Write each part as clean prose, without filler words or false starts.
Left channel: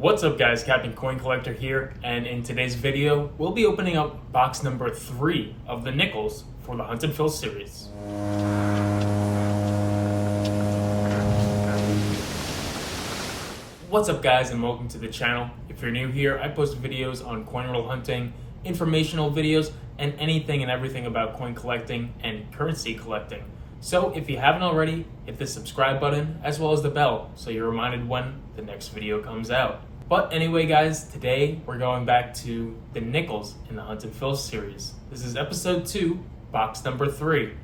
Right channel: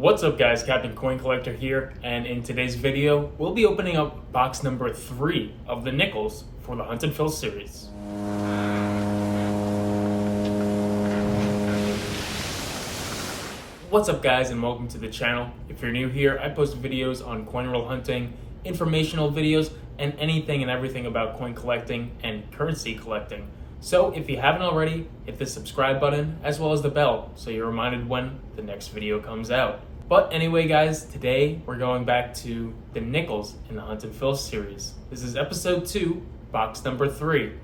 What's up guys, Captain Coin Collector here, and in today's video, we'll be opening up box number 3 of the nickels for the Hunt and Fill series. What's up guys, and welcome to the channel. If you're new here, I post videos on coin roll hunting, informational videos, and anything and everything about coin collecting and currency collecting. So if you haven't already, hit the subscribe button as well as the bell so you're reminded when the next video comes out. But anyway guys, today we're going back to the nickels in the Hunt and Fill series. This is episode 2, box number 3.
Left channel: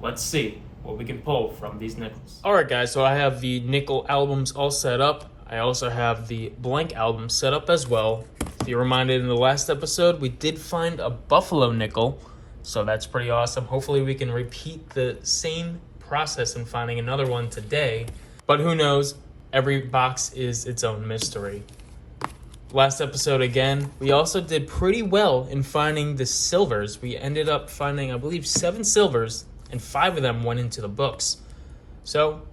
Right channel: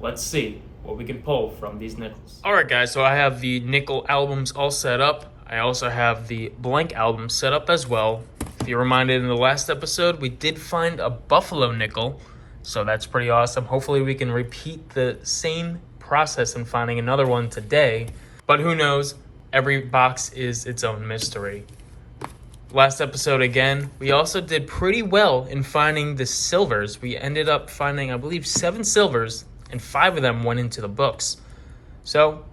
Let's see what we can pull from these nickels. Alright guys, so I have the nickel albums all set up. I also have the blank album set up as well. If you're reminded in the last episode, we did find a buffalo nickel. So that's pretty awesome. Hopefully we can repeat the same process in finding another one today. But who knows? Every box is its own mystery. Last episode again, we also did pretty well in finding the silvers. We ended up finding, I believe, 7 silvers, and 5 of them went into the books. So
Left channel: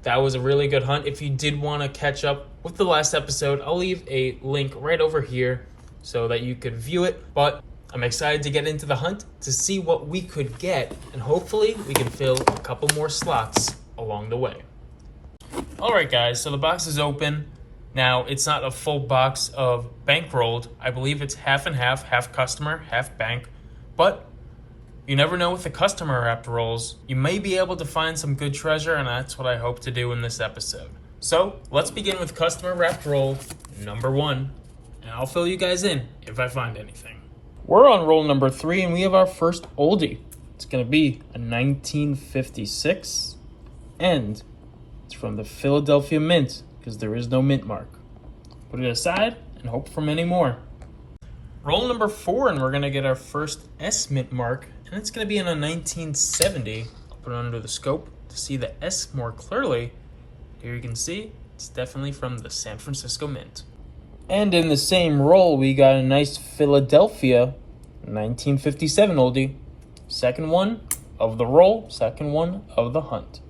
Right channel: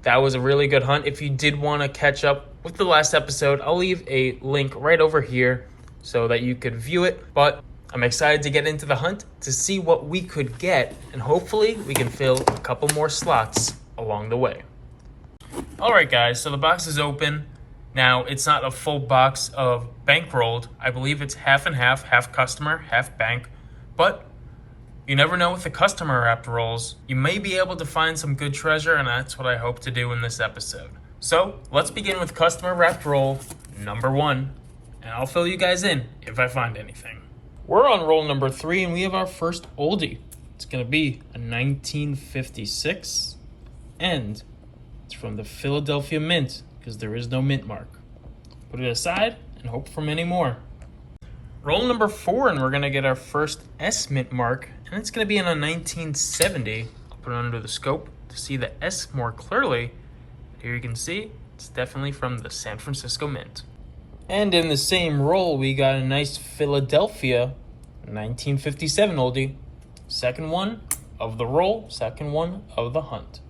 that was a really good hunt. If you did want to catch up with the last episode, I'll leave a link right over here so that you could view it. But I'm excited to get into the hunt to see what we could get, and hopefully we can fill a couple more slots along the way. All right, guys, so the box is open. Now, it's not a full box of bankrolled. I believe it's half and half customer, half bank. But you never know with the customer wrapped rolls. You may be able to find some good treasure, and that's what I hope to do in this episode. So let's begin with customer wrapped roll number 1, and I'll fill you guys in if I find anything. We're on roll number 3, and we have our first oldie. It's going to be a 1956, and it's from the Philadelphia Mint, because there is no mint mark. Put it aside and hope for many more. Roll number 4, and we're going to get our first S mint mark, and it's going to be in a 1970. I'll put it under the scope to see the S more clearly. Here you can see it's definitely from the San Francisco Mint. And in the same roll, we got a nice Philadelphia 1957 oldie. Second one of the roll, second one of the hunt.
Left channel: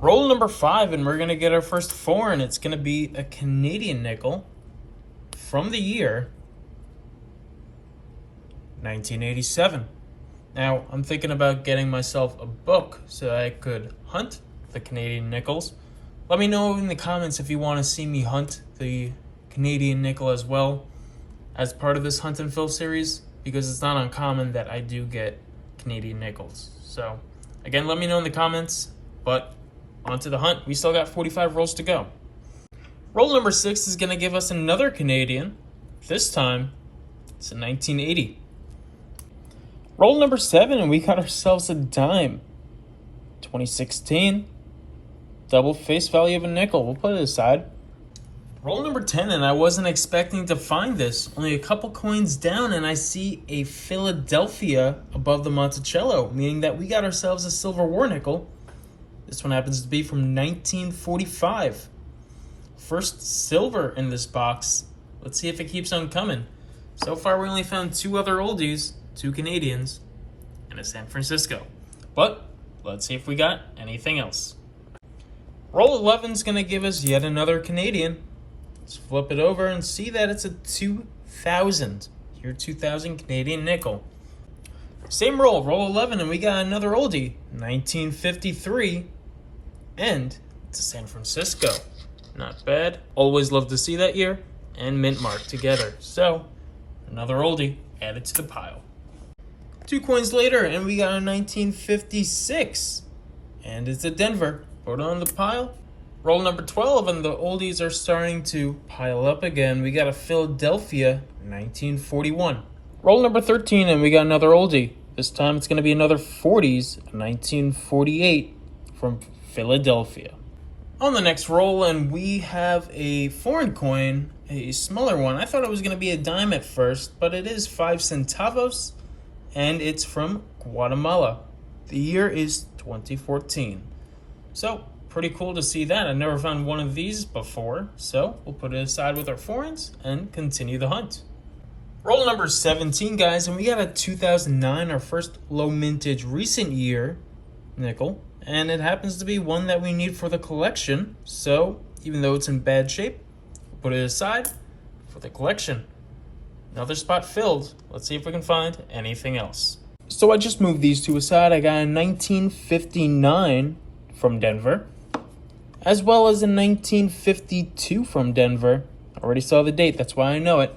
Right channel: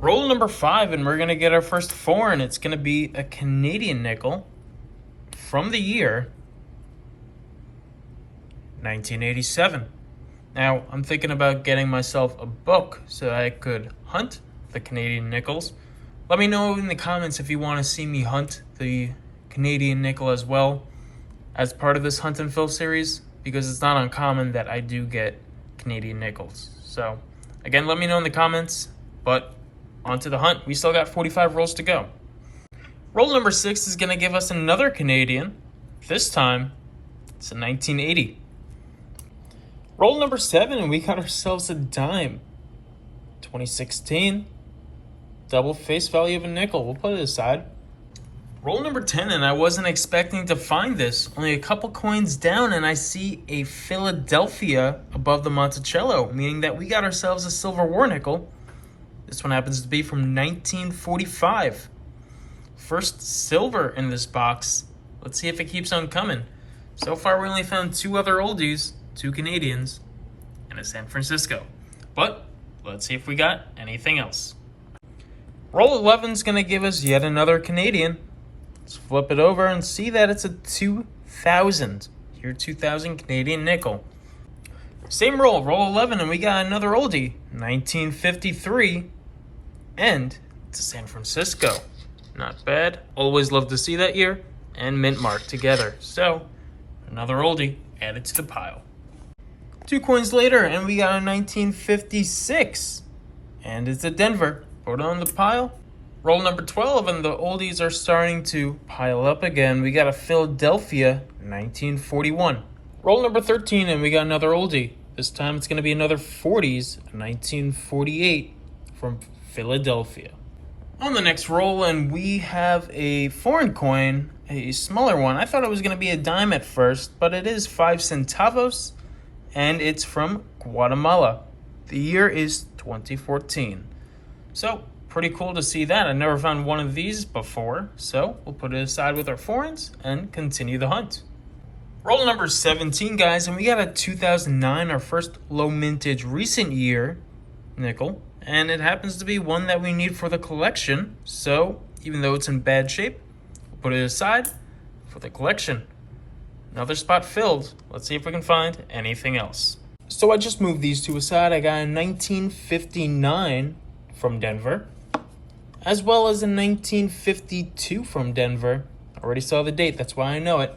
Roll number 5, and we're going to get our first foreign. It's going to be a Canadian nickel from the year 1987. Now, I'm thinking about getting myself a book so I could hunt the Canadian nickels. Let me know in the comments if you want to see me hunt the Canadian nickel as well as part of this Hunt and Fill series, because it's not uncommon that I do get Canadian nickels. So again, let me know in the comments, but on to the hunt. We still got 45 rolls to go. Roll number 6 is going to give us another Canadian. This time it's a 1980. Roll number 7, and we got ourselves a dime. 2016. Double face value of a nickel. We'll put it aside. Roll number 10, and I wasn't expecting to find this. Only a couple coins down, and I see a Philadelphia above the Monticello, meaning that we got ourselves a silver war nickel. This one happens to be from 1945. First silver in this box. Let's see if it keeps on coming. So far, we only found 2 other oldies, 2 Canadians, and a San Francisco. But let's see if we got anything else. Roll 11 is going to give us yet another Canadian. Let's flip it over and see that it's a 2000, year 2000 Canadian nickel. Same roll, roll 11, and we got another oldie, 1953, and it's a San Francisco. Not bad. Always love to see that year and mint mark together. So another oldie added to the pile. 2 coins later, and we got a 1956, and it's a Denver. Put it on the pile. Roll number 12, and the oldies are starting to pile up again. We got a Philadelphia 1941. Roll number 13, and we got another oldie. This time it's going to be another 40s, 1948 from Philadelphia. On the next roll, and we have a foreign coin, a smaller one. I thought it was going to be a dime at first, but it is 5 centavos, and it's from Guatemala. The year is 2014. So pretty cool to see that. I've never found one of these before, so we'll put it aside with our foreigns and continue the hunt. Roll number 17, guys, and we got a 2009, our first low mintage recent year nickel, and it happens to be one that we need for the collection. So even though it's in bad shape, Put it aside for the collection. Another spot filled. Let's see if we can find anything else. So I just moved these two aside. I got a 1959 from Denver, as well as a 1952 from Denver. I already saw the date, that's why I know it.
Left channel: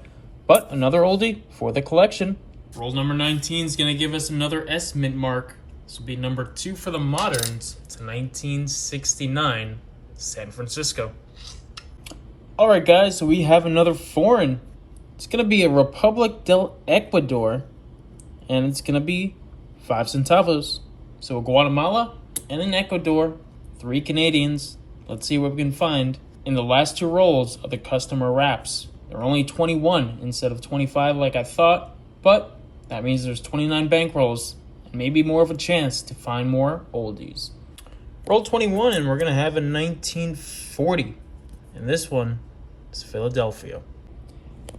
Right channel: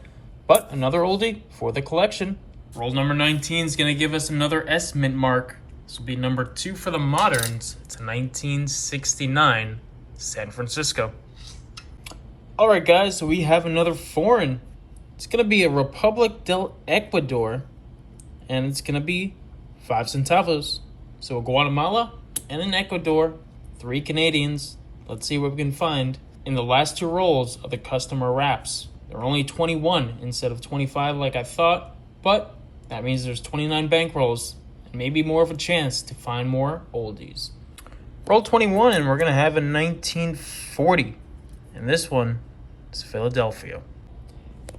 But another oldie for the collection. Roll number 19 is going to give us another S mint mark. This will be number 2 for the moderns. It's a 1969 San Francisco. Alright guys, so we have another foreign. It's going to be a Republic del Ecuador, and it's going to be 5 centavos. So a Guatemala and an Ecuador, 3 Canadians. Let's see what we can find. In the last 2 rolls of the customer wraps, there are only 21 instead of 25 like I thought, but that means there's 29 bank rolls and maybe more of a chance to find more oldies. Roll 21 and we're going to have a 1940, and this one is Philadelphia.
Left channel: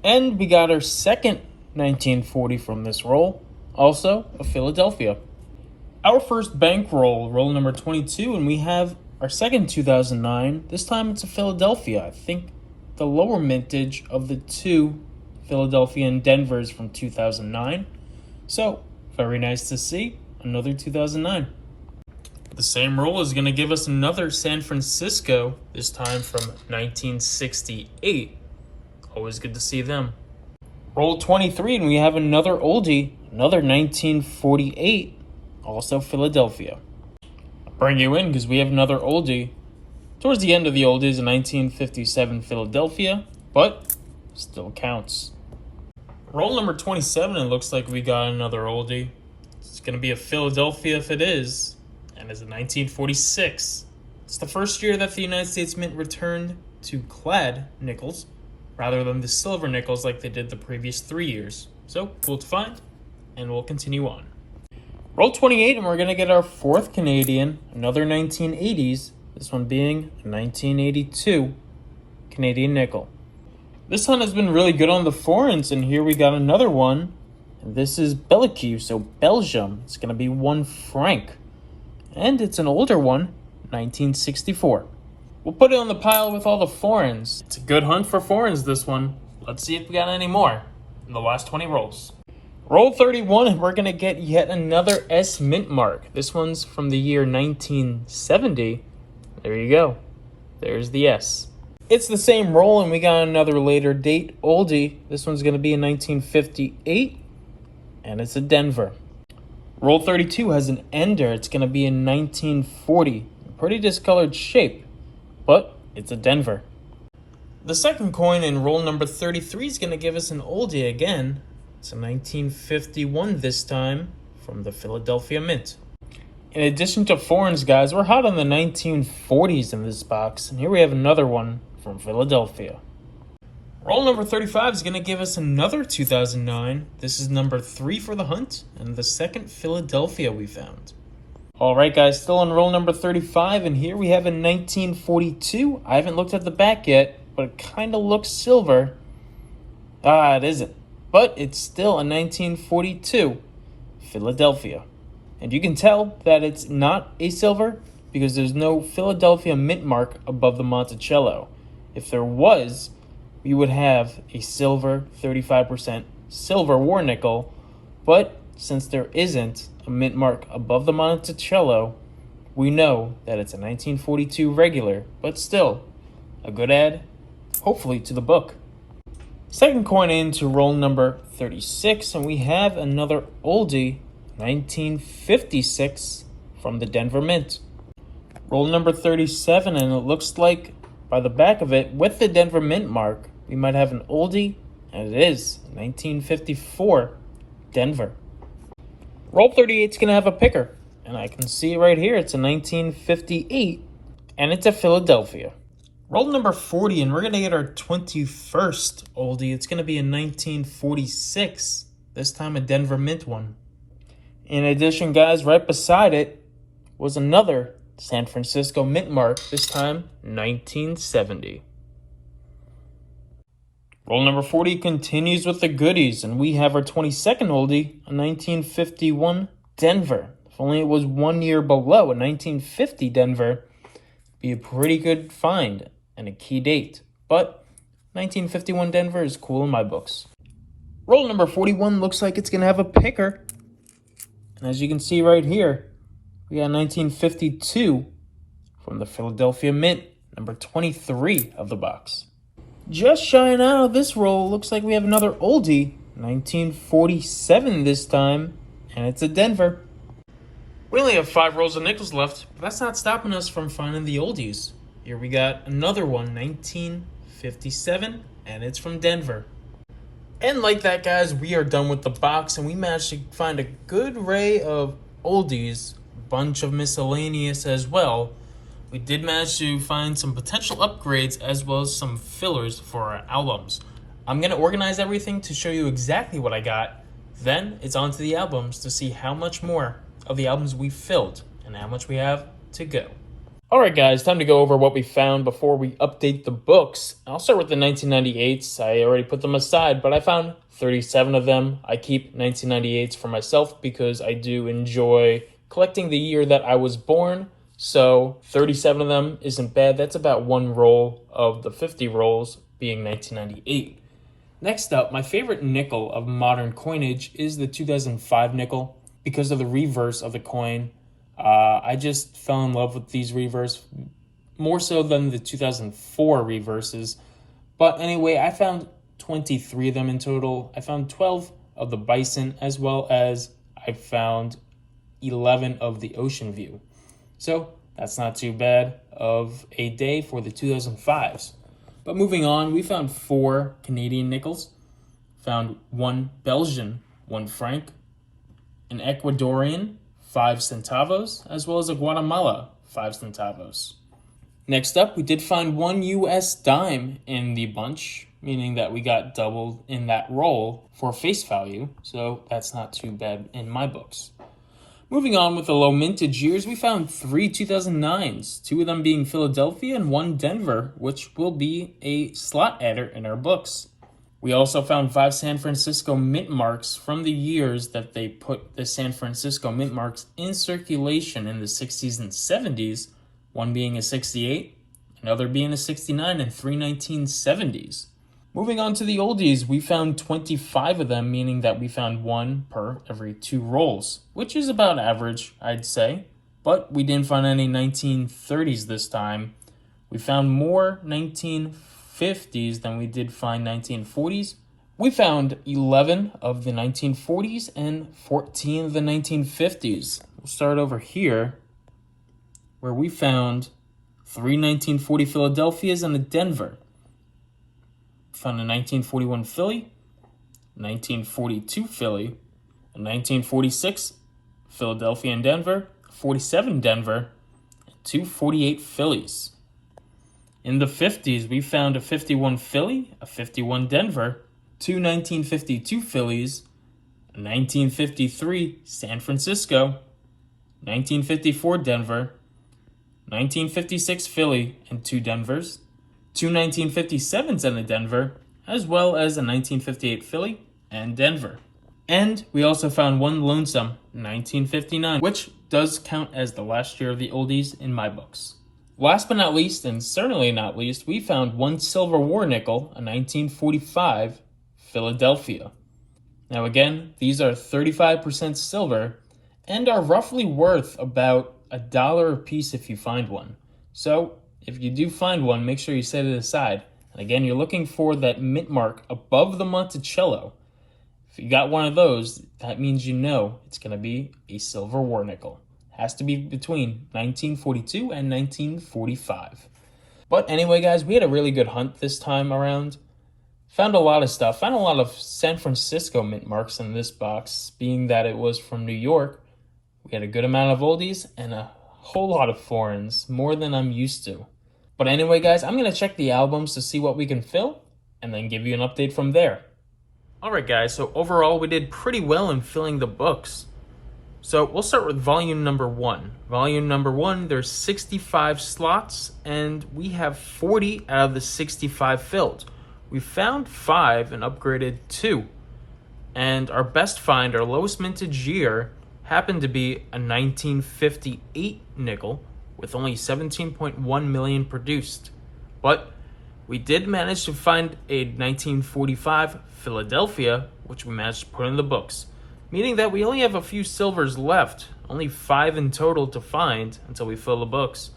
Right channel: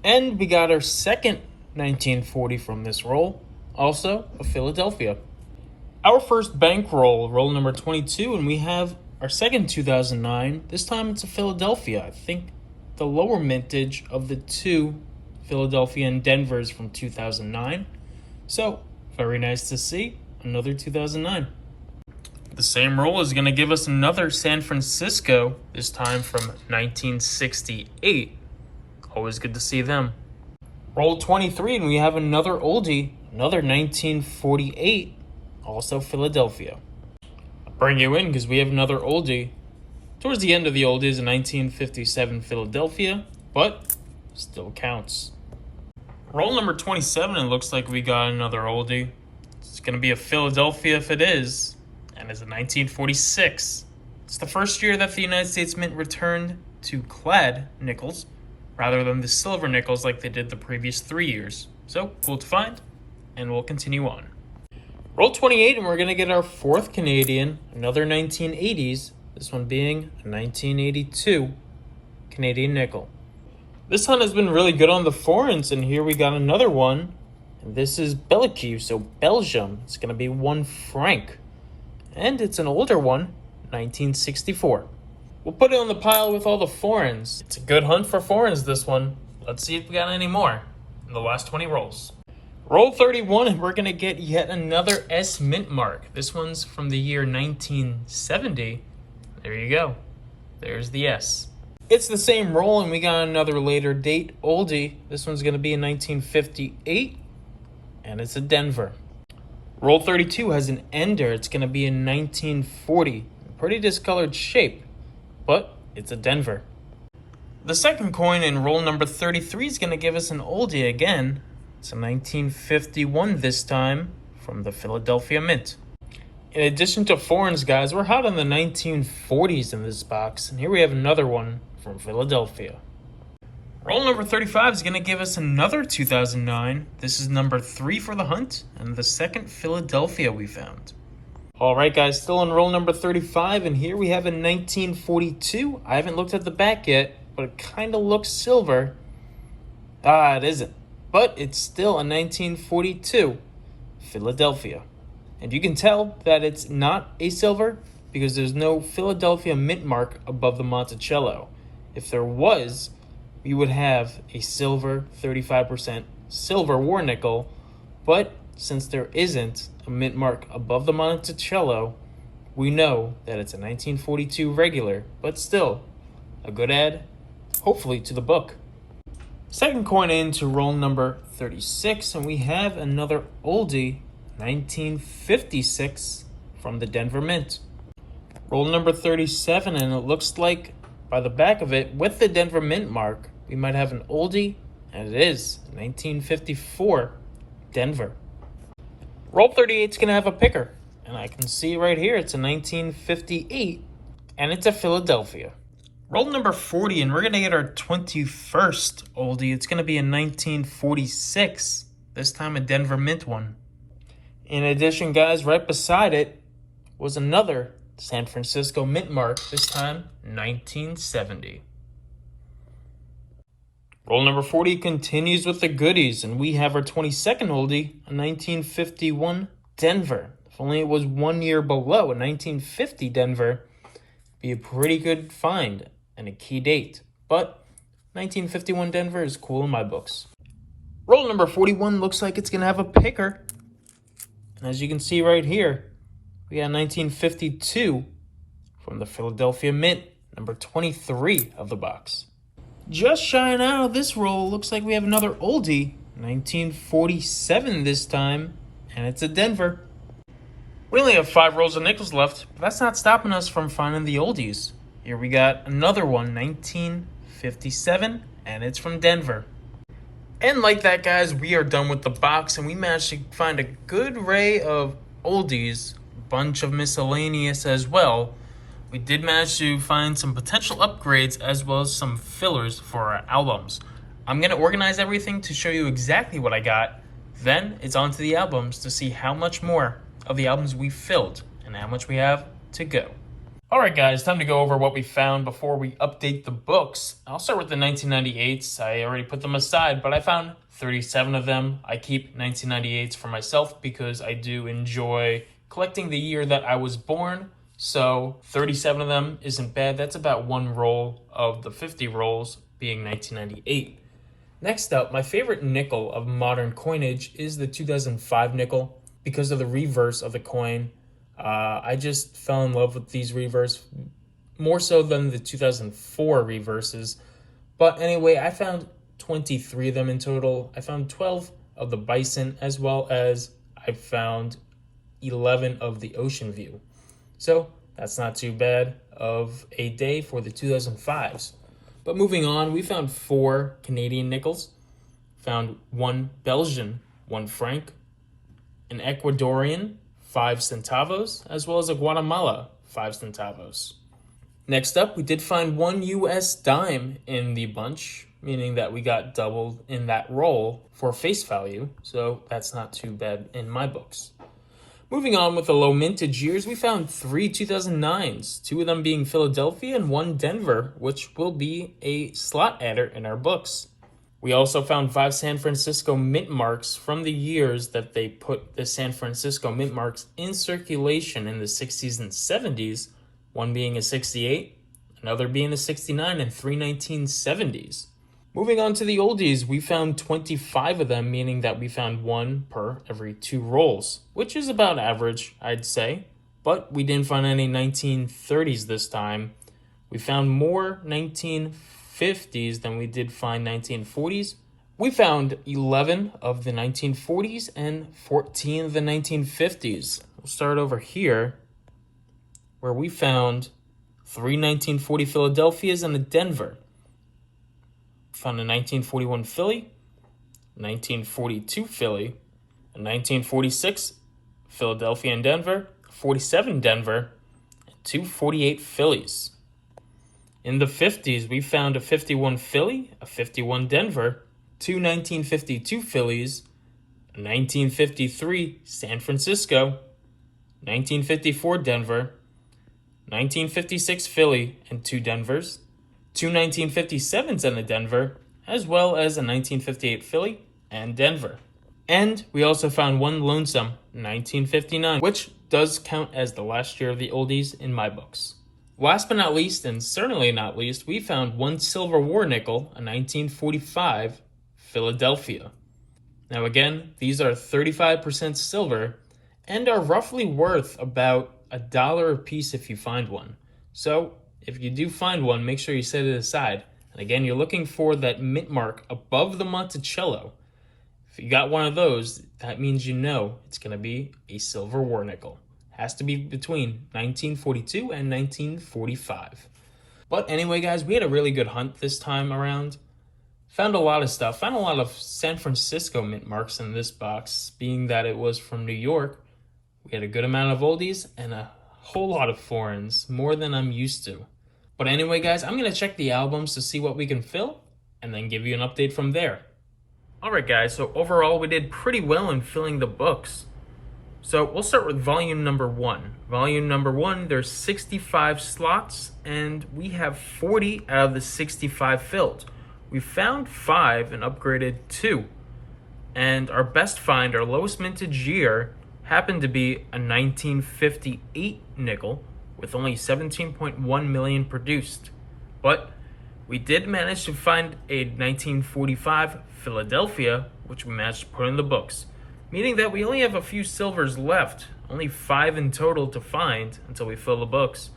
And we got our second 1940 from this roll, also a Philadelphia. Our first bank roll number 22, and we have our second 2009. This time it's a Philadelphia. I think the lower mintage of the 2 Philadelphia and Denvers from 2009. So, very nice to see another 2009. The same roll is going to give us another San Francisco, this time from 1968. Always good to see them. Roll 23, and we have another oldie, another 1948, also Philadelphia. I'll bring you in because we have another oldie. Towards the end of the oldies, a 1957 Philadelphia, but still counts. Roll number 27, and it looks like we got another oldie. It's going to be a Philadelphia if it is, and it's a 1946. It's the first year that the United States Mint returned to clad nickels, rather than the silver nickels like they did the previous 3 years. So, cool to find, and we'll continue on. Roll 28, and we're going to get our 4th Canadian, another 1980s, this one being a 1982 Canadian nickel. This one has been really good on the foreigns, and here we got another one. This is Belgique, so Belgium. It's going to be 1 franc. And it's an older one, 1964. We'll put it on the pile with all the foreigns. It's a good hunt for foreigns, this one. Let's see if we got any more in the last 20 rolls. Roll 31, and we're going to get yet another S mint mark. This one's from the year 1970. There you go. There's the S. It's the same roll, and we got another later date oldie. This one's going to be in 1958, and it's a Denver. Roll 32 has an ender. It's going to be in 1940. Pretty discolored shape, but it's a Denver. The second coin in roll number 33 is going to give us an oldie again. It's a 1951 this time from the Philadelphia Mint. In addition to foreigns, guys, we're hot on the 1940s in this box, and here we have another one from Philadelphia. Roll number 35 is going to give us another 2009. This is number 3 for the hunt, and the second Philadelphia we found. Alright guys, still on roll number 35, and here we have a 1942. I haven't looked at the back yet, but it kind of looks silver. It isn't. But it's still a 1942 Philadelphia. And you can tell that it's not a silver because there's no Philadelphia mint mark above the Monticello. If there was, we would have a silver 35% silver war nickel, but since there isn't a mint mark above the Monticello, we know that it's a 1942 regular, but still a good add, hopefully, to the book. Second coin into roll number 36, and we have another oldie, 1956 from the Denver Mint. Roll number 37, and it looks like by the back of it, with the Denver Mint mark, we might have an oldie, and it is 1954 Denver. Roll 38 is going to have a picker, and I can see right here it's a 1958, and it's a Philadelphia. Roll number 40, and we're going to get our 21st oldie. It's going to be a 1946, this time a Denver Mint one. In addition, guys, right beside it was another San Francisco Mint mark, this time 1970. Roll number 40 continues with the goodies, and we have our 22nd oldie, a 1951 Denver. If only it was 1 year below, a 1950 Denver, be a pretty good find and a key date. But 1951 Denver is cool in my books. Roll number 41 looks like it's going to have a picker. And as you can see right here, we got 1952 from the Philadelphia Mint, number 23 of the box. Just shying out of this roll, looks like we have another oldie, 1947 this time, and it's a Denver. We only have 5 rolls of nickels left, but that's not stopping us from finding the oldies. Here we got another one, 1957, and it's from Denver. And like that, guys, we are done with the box, and we managed to find a good array of oldies, a bunch of miscellaneous as well. We did manage to find some potential upgrades as well as some fillers for our albums. I'm going to organize everything to show you exactly what I got. Then it's on to the albums to see how much more of the albums we filled and how much we have to go. Alright guys, time to go over what we found before we update the books. I'll start with the 1998s. I already put them aside, but I found 37 of them. I keep 1998s for myself because I do enjoy collecting the year that I was born. So 37 of them isn't bad. That's about one roll of the 50 rolls being 1998. Next up, my favorite nickel of modern coinage is the 2005 nickel because of the reverse of the coin. I just fell in love with these reverse more so than the 2004 reverses. But anyway, I found 23 of them in total. I found 12 of the Bison as well as I found 11 of the Ocean View. So that's not too bad of a day for the 2005s. But moving on, we found 4 Canadian nickels, found 1 Belgian, 1 franc, an Ecuadorian, 5 centavos, as well as a Guatemala, 5 centavos. Next up, we did find 1 US dime in the bunch, meaning that we got doubled in that roll for face value, so that's not too bad in my books. Moving on with the low mintage years, we found 3 2009s, 2 of them being Philadelphia and 1 Denver, which will be a slot adder in our books. We also found 5 San Francisco mint marks from the years that they put the San Francisco mint marks in circulation in the 60s and 70s, one being a 68, another being a 69, and 3 1970s. Moving on to the oldies, we found 25 of them, meaning that we found 1 per every 2 rolls, which is about average, I'd say. But we didn't find any 1930s this time. We found more 1950s than we did find 1940s. We found 11 of the 1940s and 14 of the 1950s. We'll start over here, where we found 3 1940 Philadelphias and a Denver. Found a 1941 Philly, 1942 Philly, a 1946 Philadelphia and Denver, 47 Denver, and 2 48 Phillies. In the 50s, we found a 51 Philly, a 51 Denver, 2 1952 Phillies, a 1953 San Francisco, 1954 Denver, 1956 Philly and 2 Denvers, 2 1957s and a Denver, as well as a 1958 Philly and Denver. And we also found 1 lonesome 1959, which does count as the last year of the oldies in my books. Last but not least, and certainly not least, we found 1 silver war nickel, a 1945 Philadelphia. Now again, these are 35% silver and are roughly worth about $1 a piece if you find one. So if you do find one, make sure you set it aside. And again, you're looking for that mint mark above the Monticello. If you got one of those, that means you know it's going to be a silver war nickel. Has to be between 1942 and 1945. But anyway, guys, we had a really good hunt this time around. Found a lot of stuff. Found a lot of San Francisco mint marks in this box, being that it was from New York. We had a good amount of oldies and a whole lot of foreigns, more than I'm used to. But anyway, guys, I'm going to check the albums to see what we can fill and then give you an update from there. Alright, guys, so overall we did pretty well in filling the books. So we'll start with volume number 1. Volume number 1, there's 65 slots, and we have 40 out of the 65 filled. We found 5 and upgraded 2. And our best find, our lowest mintage year, happened to be a 1958 nickel with only 17.1 million produced. But We did manage to find a 1945 Philadelphia, which we managed to put in the books, meaning that we only have a few silvers left, only 5 in total to find until we fill the books.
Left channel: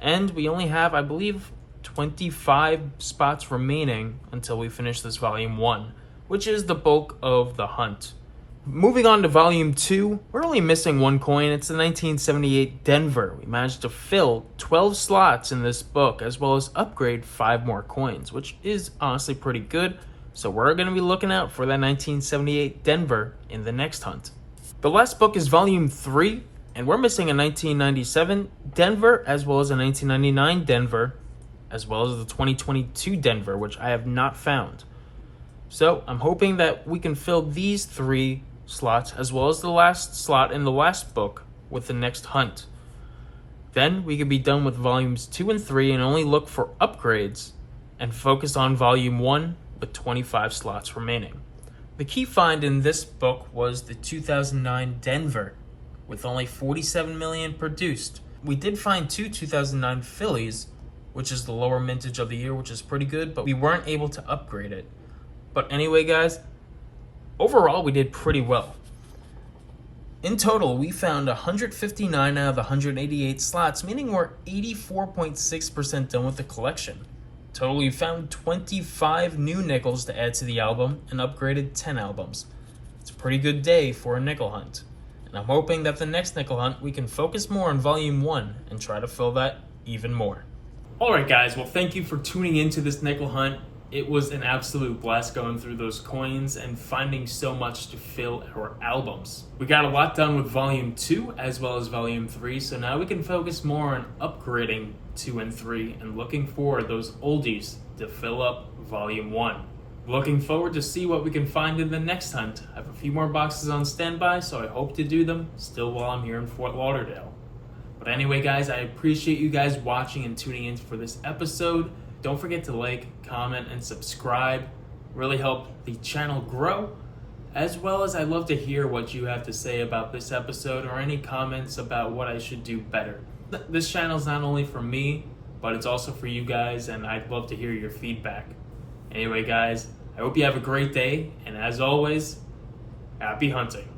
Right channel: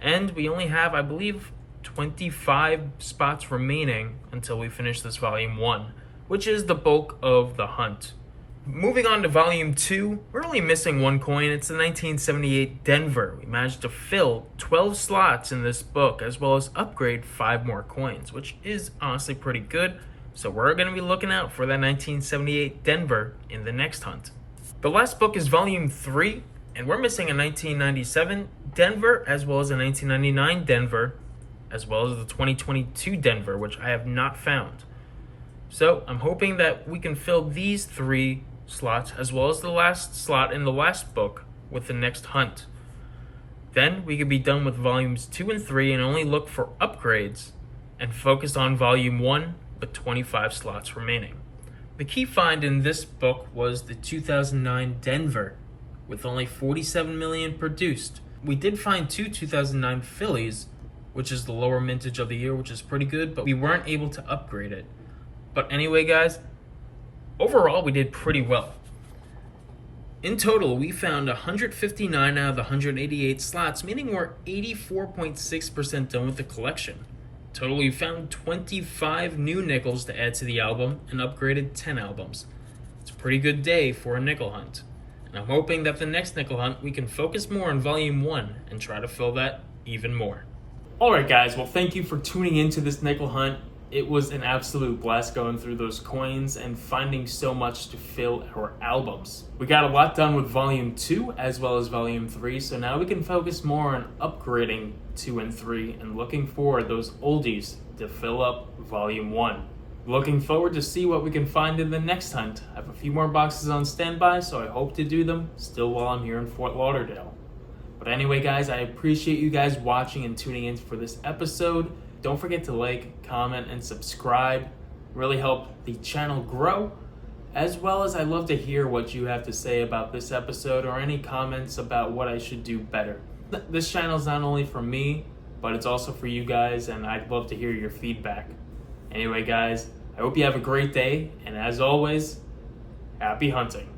And we only have, I believe, 25 spots remaining until we finish this volume 1, which is the bulk of the hunt. Moving on to volume 2, we're only missing 1 coin. It's the 1978 Denver. We managed to fill 12 slots in this book, as well as upgrade 5 more coins, which is honestly pretty good. So we're going to be looking out for that 1978 Denver in the next hunt. The last book is volume 3, and we're missing a 1997 Denver, as well as a 1999 Denver, as well as the 2022 Denver, which I have not found. So I'm hoping that we can fill these 3 slots, as well as the last slot in the last book, with the next hunt. Then we could be done with volumes 2 and 3 and only look for upgrades and focus on volume 1 with 25 slots remaining. The key find in this book was the 2009 Denver, with only 47 million produced. We did find 2 2009 Phillies, which is the lower mintage of the year, which is pretty good, but we weren't able to upgrade it. But anyway, guys, overall, we did pretty well. In total, we found 159 out of the 188 slots, meaning we're 84.6% done with the collection. Total, we found 25 new nickels to add to the album and upgraded 10 albums. It's a pretty good day for a nickel hunt. And I'm hoping that the next nickel hunt, we can focus more on volume 1 and try to fill that even more. Alright guys, well thank you for tuning into this nickel hunt. It was an absolute blast going through those coins and finding so much to fill our albums. We got a lot done with volume 2 as well as volume 3, so now we can focus more on upgrading 2 and 3 and looking for those oldies to fill up volume 1. Looking forward to see what we can find in the next hunt. I have a few more boxes on standby, so I hope to do them still while I'm here in Fort Lauderdale. But anyway guys, I appreciate you guys watching and tuning in for this episode. Don't forget to like, comment, and subscribe. Really help the channel grow. As well as I'd love to hear what you have to say about this episode or any comments about what I should do better. This channel is not only for me, but it's also for you guys, and I'd love to hear your feedback. Anyway guys, I hope you have a great day, and as always, happy hunting.